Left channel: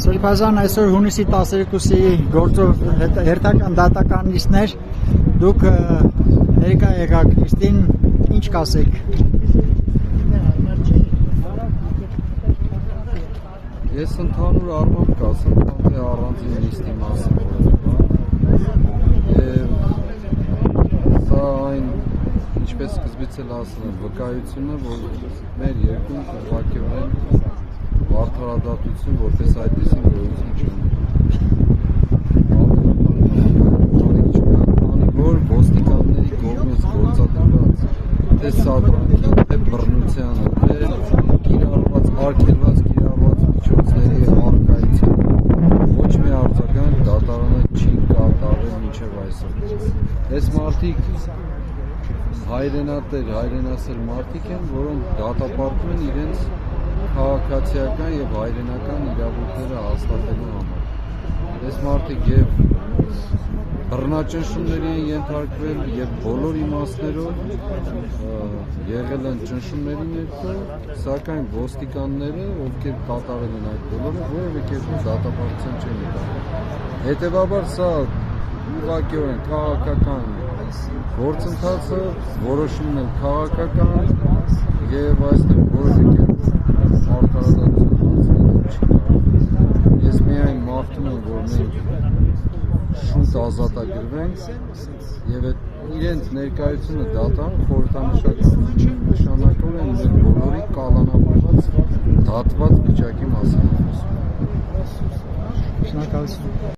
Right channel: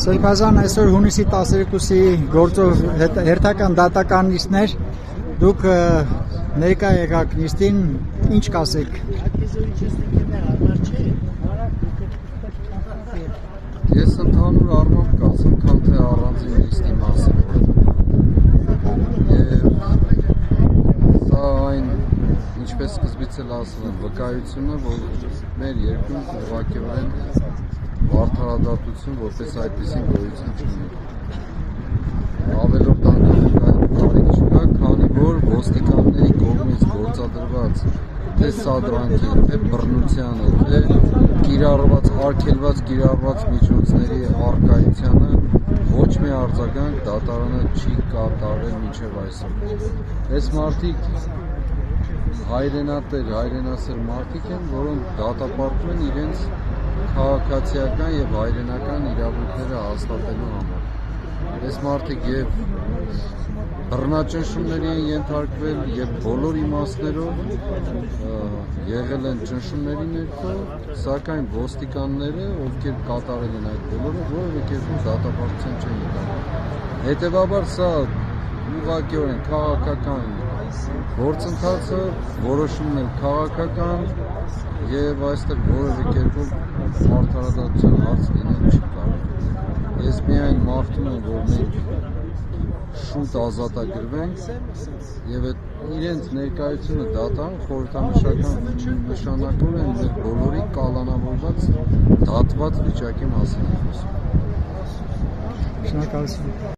Սրբազան այսօր հունիսի 12-ի գործով հերթական դատական նիստներ, դուք ներկա եղաք նիստին, ինչ կասեք։ Ես ընդհանուր առմամբ կասեմ, քան թե առանձին նիստի մասին եւ սա այն, ինչպես սկզբից էլ ասել եմ, վկայությունը, որ մեր երկրում ուղղակիորեն արդարադատություն որպես այդպիսին գոյություն չունի։ Ավելորդ անգամ կարիք չկա, քանի որ ոստիկանների կողմից գործադրված թե սադրանքի, թե բռնությանը, թե արգելված կիրառված միջոցների առկայությանը ոչ մի արձագանք դատարանը չի կատարել մինչև այսօր։ Այս մարդիկ հայրենատեր, հայրենասեր մարդիկ են, որոնք դատապարտվում են իրենց քաղաքացիական եւ հայրենական իրավունքները հաստատելու համար։ Այս մարդիկ եւ բռնաճնշումների են ենթարկվել եւ բոլոր իմաստներով եղել են ճնշումների ներքո, սակայն ոստիկանները, ովքեր կատարել են այդ բոլորը, որևէ կերպ դատապարտության չեն եկել։ Հետևաբար սա ուղղակիորեն քաղաքական գործընթացը, որոշումն էլ քաղաքական եւ այստեղ որևէ կերպով արդարադատության հարց լինել չի կարող։ Ես միայն մաղթում եմ, որ մենք շուտ ազատագրվենք եւ այդ իրենց ներկայությունը դատան խորհրդանշանակորեն մեր բոլորի կալանավորված դատված վիճակի մասին է խոսում։ Շնորհակալություն։